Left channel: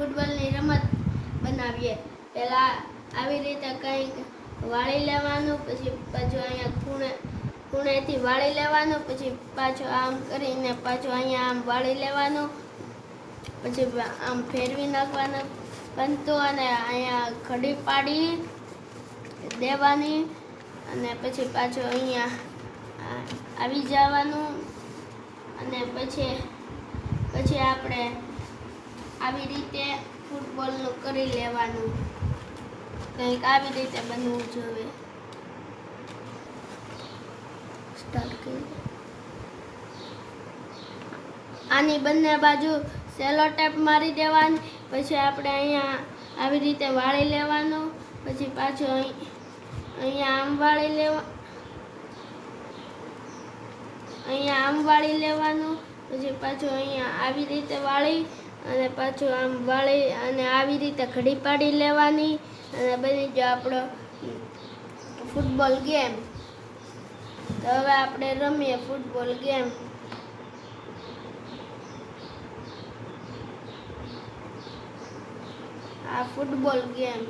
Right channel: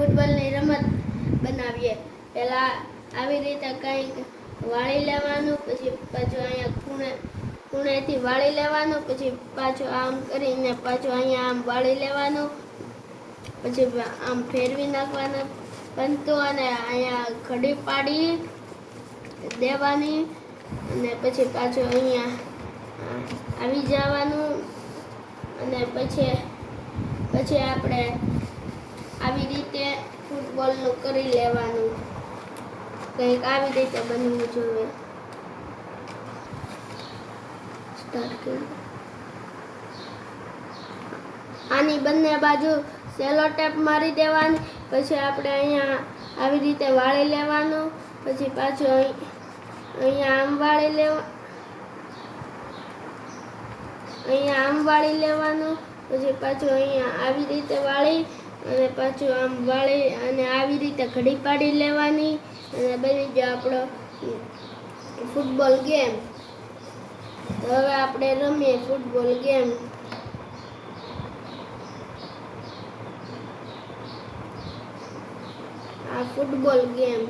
ફૂટબોલની રમત બનાવીએ. પહેલાં આવી રીતે કંઈક વાળી લેવાનું, પછી પાછું અહીંયા ખૂણે, ખૂણેથી વાળી લેવાનું, પછી પાછું આમ કરીને પાછું અહીંયા આમ વાળી લેવાનું, પછી આમ ફેરવી નાખવાનું. બનતું અને અહીંયા ઘડી પાડી દેવાની અને પછી પાછું અહીંયા આવી જવાનું. અને પછી પછી આપણે આવી રીતે ફૂટબોલનું કરી લેવાનું. કંઈક આવી રીતે બનવું જોઈએ. આની બંને બાજુ સેલો ટેપ મારી દેવાની, પછી આપણે અહીંયા આવી રીતે વાળી લેવાનું, પછી પાછું અહીં- અહીંયા આમ વાળી લેવા, અહીંયા આમ વાળી લેવાનું. પછી પાછું અહીંયા આવી રીતે વાળી અને પાછું આમ વાળી અને આવી રીતે ઘડી પાડી લેવાની. અને બની ગયો આપણો ફૂટબોલ ગેમ. તો હવે આપણે રમીએ ફૂટબોલ ગેમ. આ ફૂટબોલ ગેમ.